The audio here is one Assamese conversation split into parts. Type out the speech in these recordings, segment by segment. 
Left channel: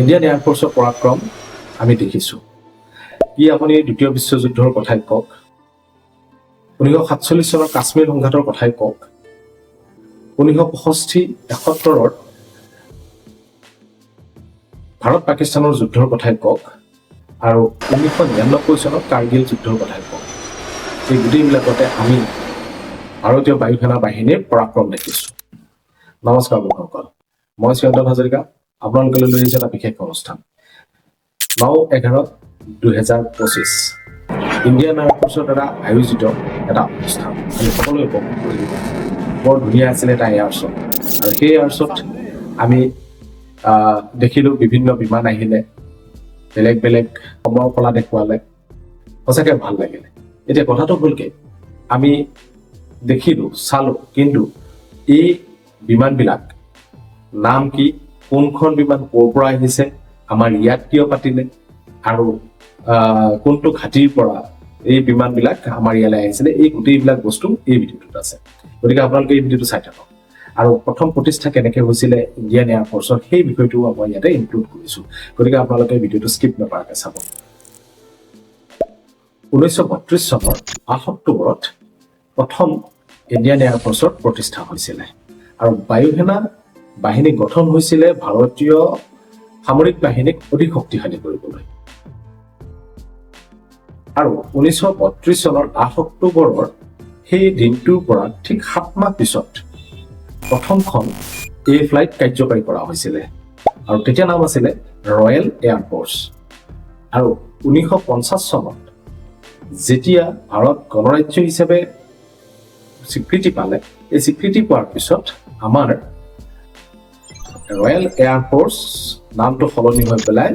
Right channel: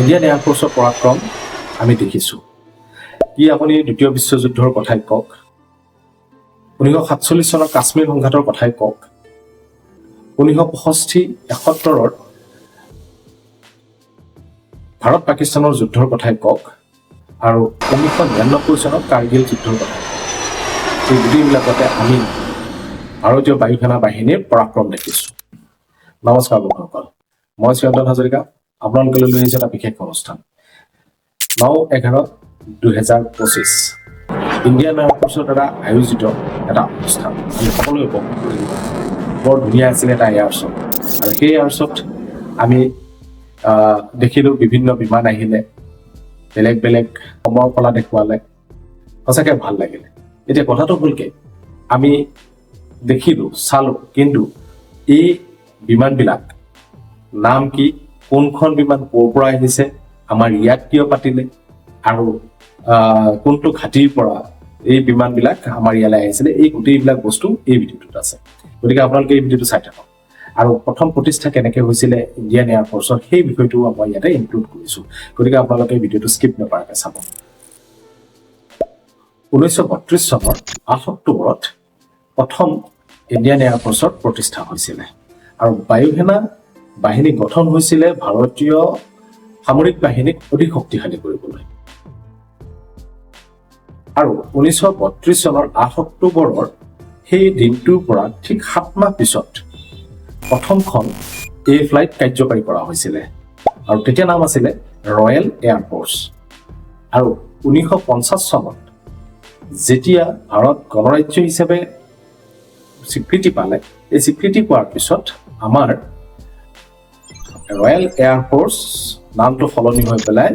ইণ্ডিয়ান এয়াৰফৰ্চৰ পৰাক্ৰম আমি দেখিছোঁ। কি আপুনি দ্বিতীয় বিশ্বযুদ্ধৰ কথাই কওক, 1947 চনৰ কাশ্মীৰ সংঘাতৰ কথাই কওক, 1965-71 ভাৰত পাকিস্তানৰ যুদ্ধৰ কথাই কওক, আৰু 1999 চনৰ কাৰ্গিল যুদ্ধৰ কথাই কওক। এই গোটেইবিলাকতে আমি ভাৰতীয় বায়ু সেনা বাহিনীৰ পৰাক্ৰম দেখিছোঁ। নমস্কাৰ বন্ধুসকল, মই শ্ৰীয়ন্তন হাজৰিকা আপোনালোকলৈ লৈ আহিছোঁ এটা বিশেষ অনুষ্ঠান। 9/11/2025 ইণ্ডিয়ান এয়াৰফৰ্চৰ দ্বাৰা আয়োজিত এটা অনুষ্ঠান আমি সকলোৱে উপভোগ কৰিলোঁ। বৰ ধুনীয়া আছিলে এটা এয়াৰশ্ব'ত, আৰু সেই এয়াৰশ্ব'ত আমি দেখিলোঁ বিভিন্ন বিমান আহিলে, বেলেগ বেলেগ সময়ৰ কলা দেখুৱালে, সঁচাকৈ ভাল লাগিলে। এতিয়া কথাটো হ'ল কি, আমি দেখিলোঁ চালোঁ, কিন্তু এই বিমানবিলাক নাম কি, কোনখন বিমান ক'ৰ পৰা আহিছে, আমাৰ ইয়াত কিয় পাতিলে, আৰু কোনটো ঘাটিৰ পৰা এই বিমানবিলাক আমাৰ ইয়ালৈ আহিছিলে, এই গোটেইবিলাক বস্তু এই ভিডিঅ'টোত আছে। গতিকে আপোনালোকে এই ভিডিঅ'টো চাই থাকক। আৰু প্ৰথম প্ৰতিষ্ঠা কেনেকৈ হৈছিলে ইণ্ডিয়ান এয়াৰফৰ্চৰ সেই বিষয়টো মই ইয়াতে ইনক্লুড কৰিছোঁ। গতিকে আপোনালোকে ভিডিঅ'টো স্কিপ নকৰাকৈ চাব। 1932 চনৰ 8 অক্টোবৰত প্ৰথম ইণ্ডিয়ান এয়াৰফৰ্চৰ প্ৰতিষ্ঠা হৈছিলে, আৰু বায়ুসেনা বাহিনী গঠন হৈছিলে ভাৰতীয় সামৰিক বাহিনীক অধিক শক্তিশালী কৰিবলৈ। আৰু 1932 চনৰ 8 অক্টোবৰৰ সেই দিনটোৰ পৰা ঠিক 7 মাহ পিছত প্ৰথমখন ফ্লাইট কাৰ্যকাৰী কৰা হৈছিলে, আৰু তেতিয়া নাম আছিলে ৰয়েল এয়াৰফৰ্চ। আৰু 1950 চনত যেতিয়া ভাৰত গণৰাজ্য হিচাপে স্বীকৃতি পালে, এই স্বীকৃতি পোৱাৰ পিছত আমাৰ ৰয়েল এয়াৰফৰ্চ নামটো সলনি হৈ পেলাই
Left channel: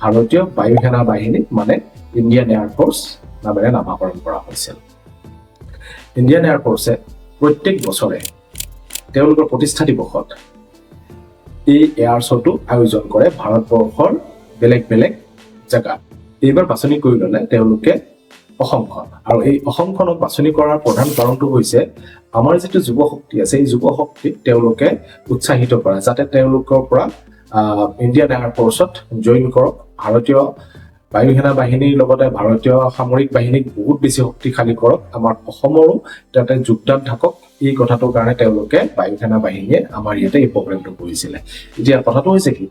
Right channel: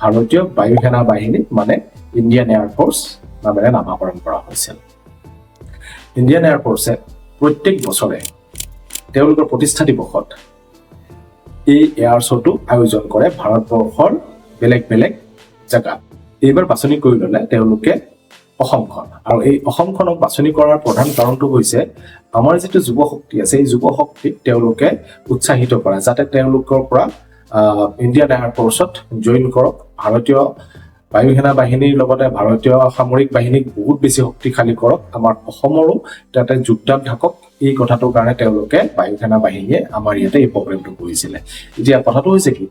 ভাৰতীয় বায়ু সেনা বাহিনী মানে ইণ্ডিয়ান এয়াৰফৰ্চ নামেৰে নামাকৰণ কৰা হৈছিল। ইণ্ডিয়ান এয়াৰফৰ্চে প্ৰত্যেক বছৰে তেওঁলোকৰ প্ৰতিষ্ঠা দিৱসত এই এয়াৰ শ্ব'টো আয়োজন কৰে ভাৰতবৰ্ষৰ বেলেগ বেলেগ জেগাত। এইবাৰ বাছনি কৰি ল'লে তেওঁলোকে অসমখন, আৰু এই অসমখনক বাছনি কৰাৰ প্ৰধান কাৰণটো হৈছে আমাৰ যিটো যুৱ শক্তি আছে, এই যুৱ শক্তিক তেওঁলোকে উৎসাহিত কৰা, যাতে তেওঁলোকৰ পৰা ইণ্ডিয়ান এয়াৰফৰ্চত জইন কৰক, ভাৰতীয় বায়ু সেনা বাহিনীৰ লগতে ভাৰতীয় সামৰিক বাহিনীক বহুত বেছি শক্তিশালী কৰক, আমাৰ অসমৰো তাতে যোগদান থাকক। এই কথাটোৰ কাৰণে তেওঁলোকে বায়ু সেনা বাহিনীয়ে আমাৰ ইয়াতে এই প্ৰগ্ৰেমটো কৰিছিলে। এতিয়া কথাটো হৈছে কি,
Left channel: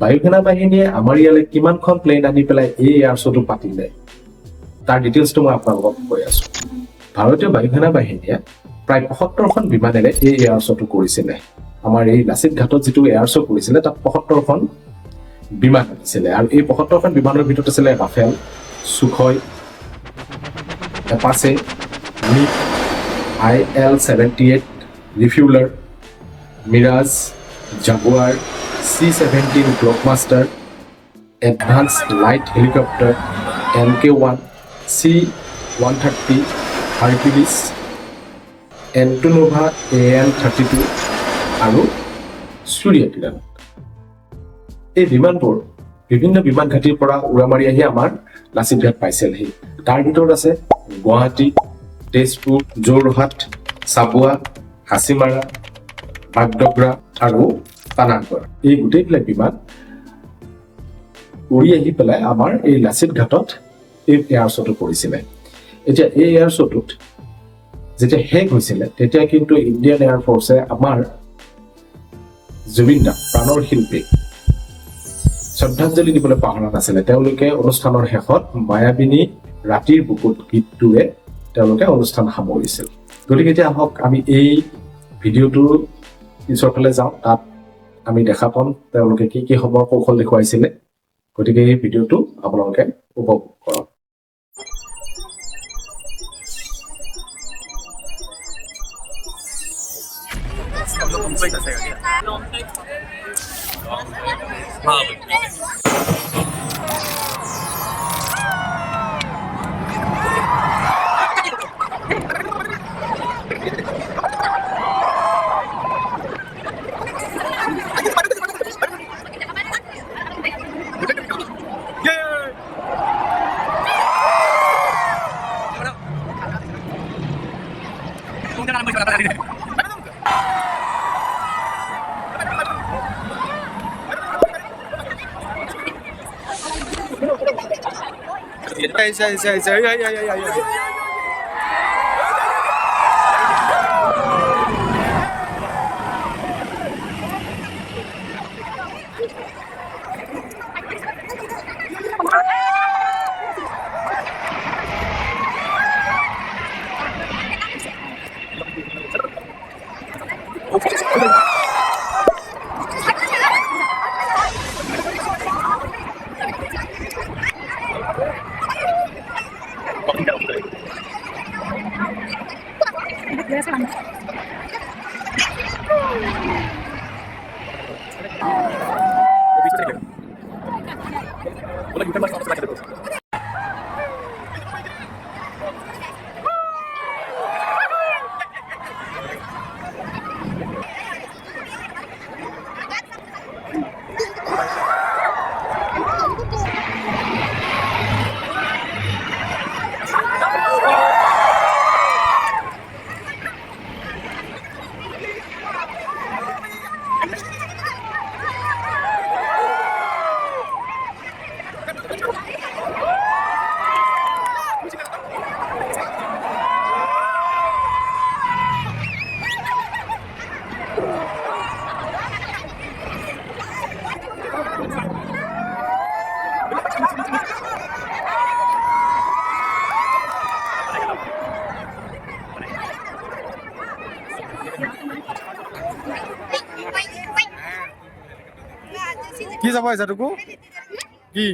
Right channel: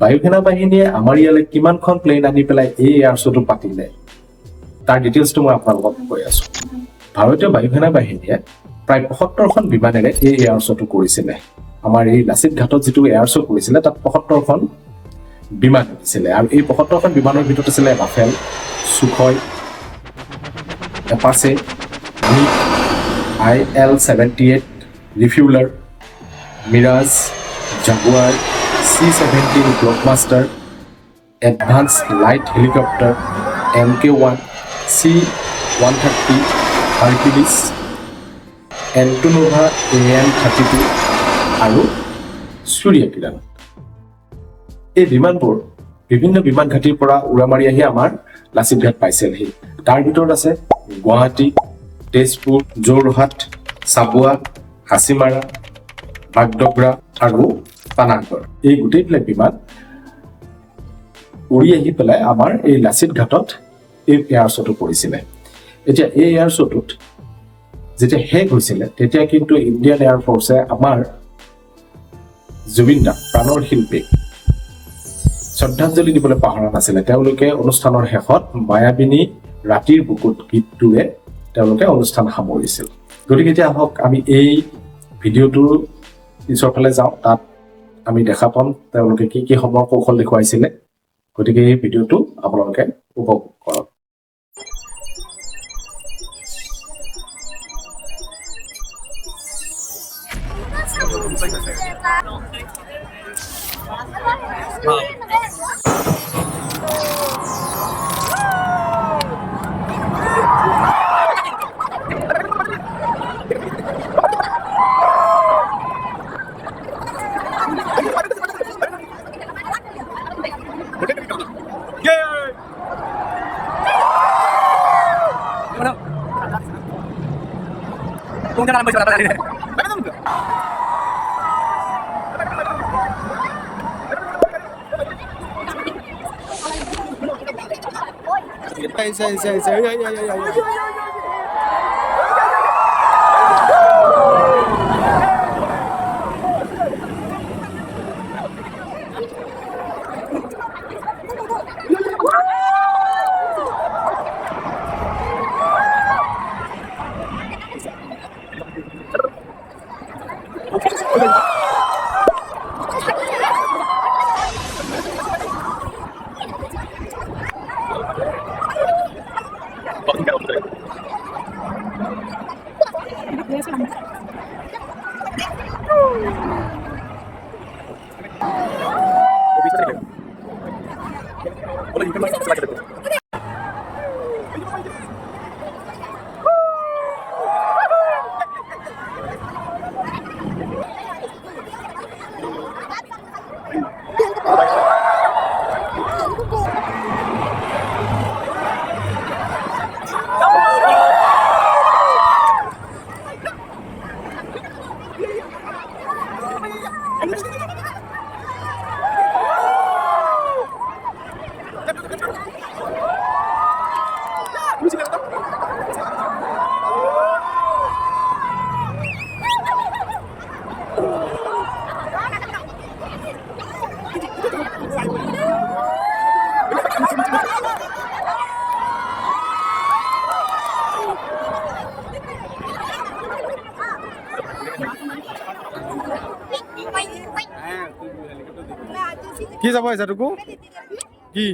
বায়ু সেনা বাহিনীয়ে আমাৰ ইয়ালৈ কিমানখন প্লেন আনি পেলাই এই এয়াৰ শ্ব'টো পাতিলে, তাৰ ডিটেইলছটো মই আপোনালোকক কৈ আছোঁ। ভাৰতীয় বায়ু সেনা বাহিনীয়ে প্ৰায় 75খন বিমানেৰে এই এয়াৰ শ্ব'টো কৰিছিলে। আমাৰ এই লাচিত ঘাটত যিটো এয়াৰ শ্ব' কৰিছিলে, তাত 75খন বিমান আছিলে, আৰু এই 75খন বিমানৰ ভিতৰত আছিলে Rafale, Sukhoi, Apache, MiG, IL-78 refueller, Mirage, Jaguar, C-17 blockbuster, advance light helicopter, MK-1, C-130 Hercules, Antonov AN-32 আৰু সূৰ্য কিৰণ। এই বিমানবোৰ বিভিন্ন বিমান ঘাটিৰ পৰা উৰা মাৰি আহি আমাৰ লাচিত ঘাট পাইছিলহি। তাৰ ভিতৰত আছে গুৱাহাটী, তেজপুৰ, যোৰহাট, চাবুৱা, হাচিমাৰা, বাগডগৰা আৰু পানাগড়। এই গোটেইবিলাক বিমান উৰি আহি পেলাই আমাৰ এই লাচিত ঘাটত এই এয়াৰ শ্ব'টো কৰিছিলে। এতিয়া এই এয়াৰ শ্ব'টোত যেতিয়া শেষ হৈছিলে, তেতিয়া কিন্তু ইণ্ডিয়ান এয়াৰফৰ্চে আমাৰ জুবিন দা প্ৰাণৰ শিল্পীক শ্ৰদ্ধাঞ্জলি দিবলৈ পাহৰা নাছিলে। তেওঁলোকে অনুষ্ঠানৰ শেষত মায়াবিনী ৰাতিৰ বুকুত গীতটোৰে তেওঁলোকে অনুষ্ঠান সামৰিছিল। গতিকে এতিয়া আহক আমি এই ভিডিঅ'টোৰ পিছৰ ফালে যাওঁ, তাত আমি দেখা পাম তেওঁলোকে কি কি সময় কৌশল দেখুৱাইছিলে। গতিকে এই ভিডিঅ'টো আপোনালোকে উপভোগ কৰক। কি যাব এজাটুকু কি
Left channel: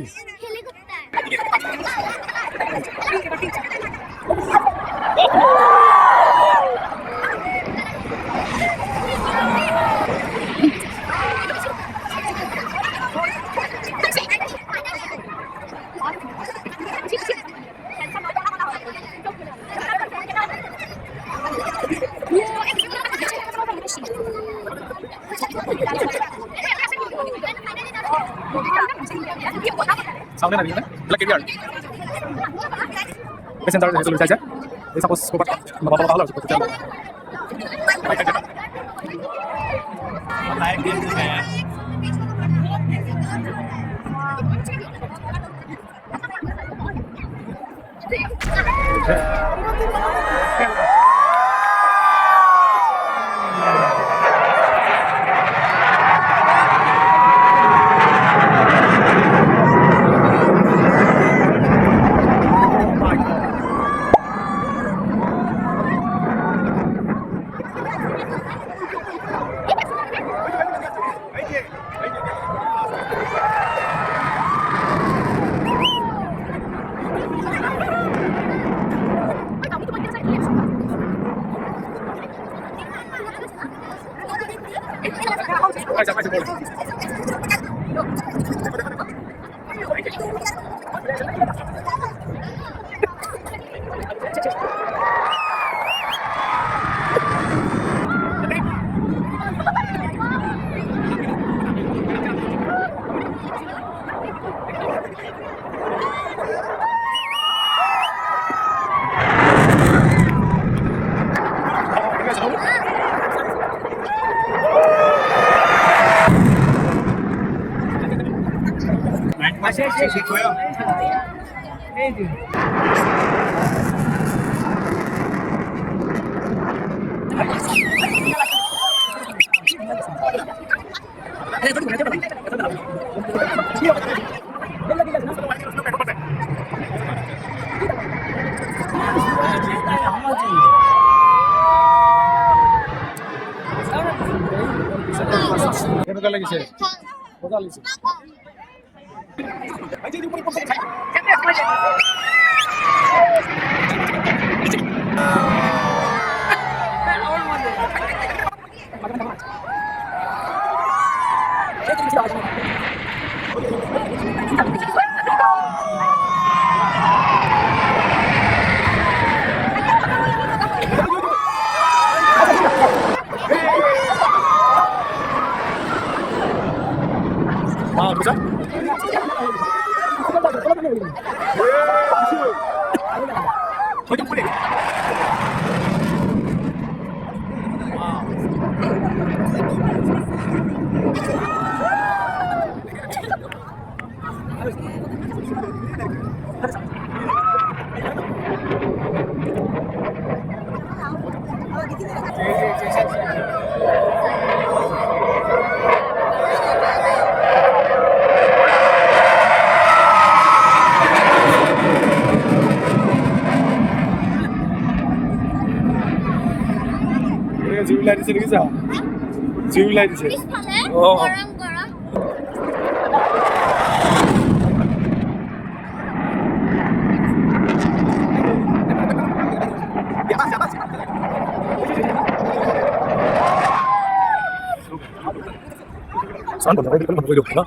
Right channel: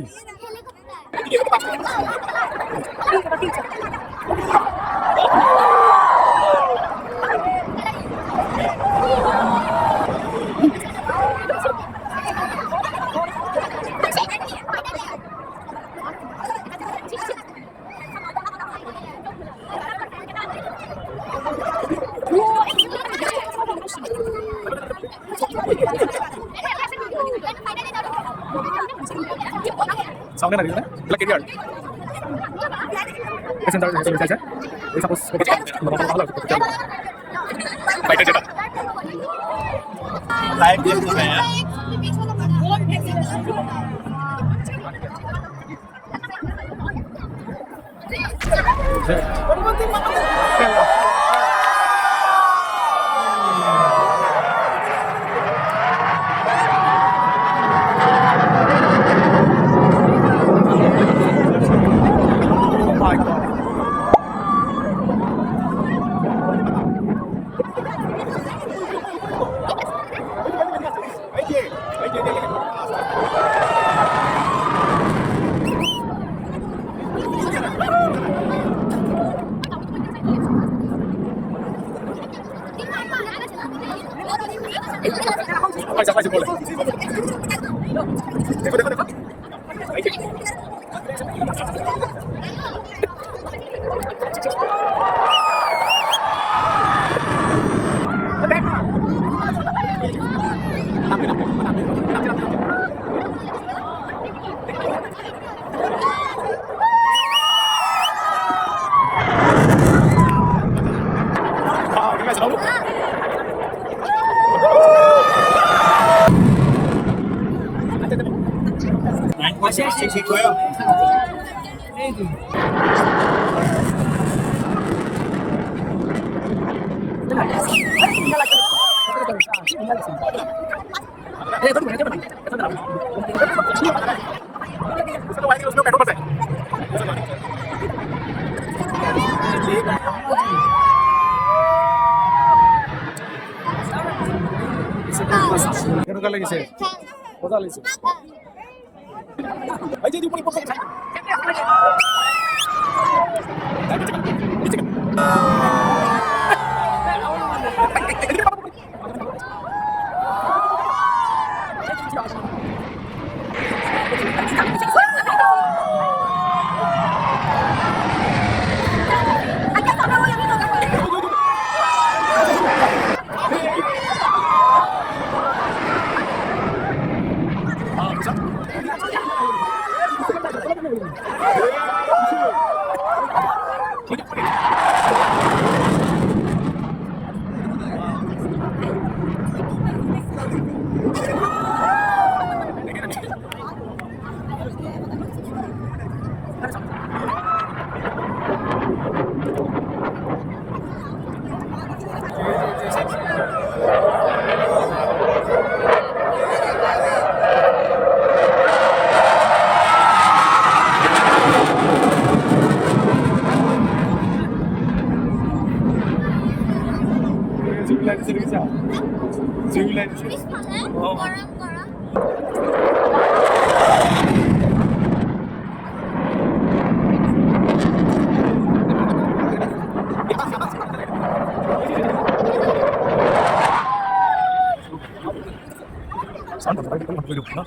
সামনে না দিলে ব্ল্যাক এরিয়ার পেসেন্টার হেসে চাইছে এই সাপোজ কোপা বাবা ভালো আছে চল বাইরে যেটা লাইভ দেখতে Aja boleh. Masih gue. কেনেকুৱা লাগিছে মজা লাগিছে আইজে দি উপরে পড়ছে খাই bisa? Wow. ঠান্ডায় দিছে পিছফালে ও। গরম গরম 산 거, 이거 뭐 이거 없나?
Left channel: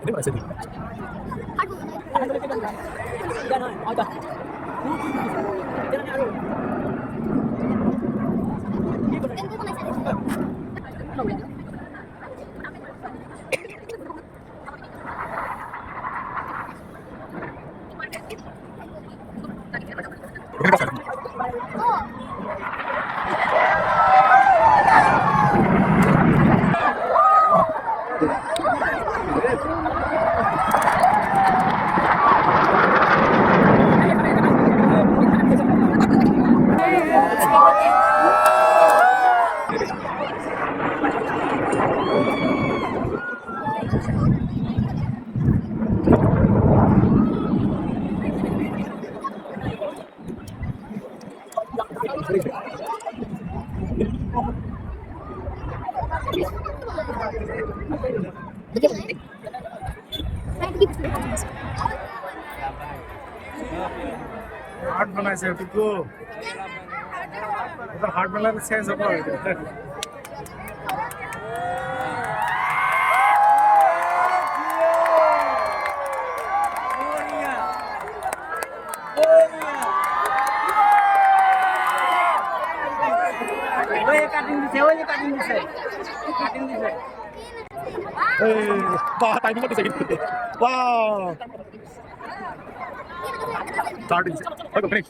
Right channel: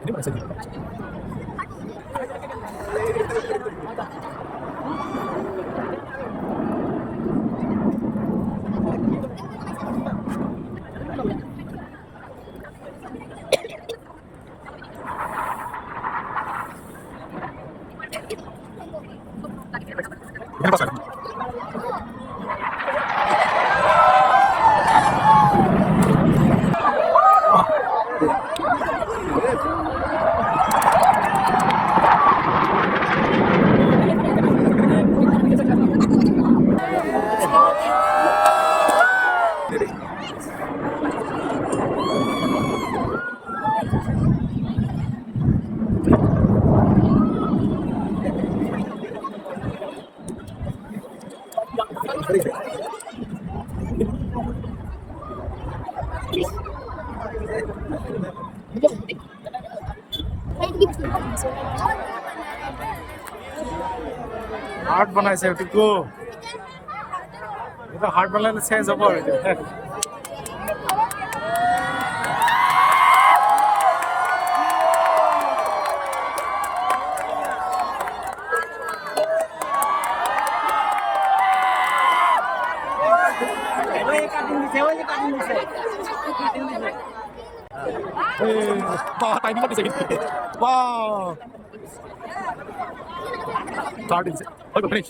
Ini mana sih? Ini pas. Heart বানাইছে টুকু এটা হার্ট বানালে চেঞ্জ হ'ব আৰু এতিয়া বাহ টাইমিং দিছে কিন্তু বাহ স্টাৰ্ট দিছে ওকে ফিনিশ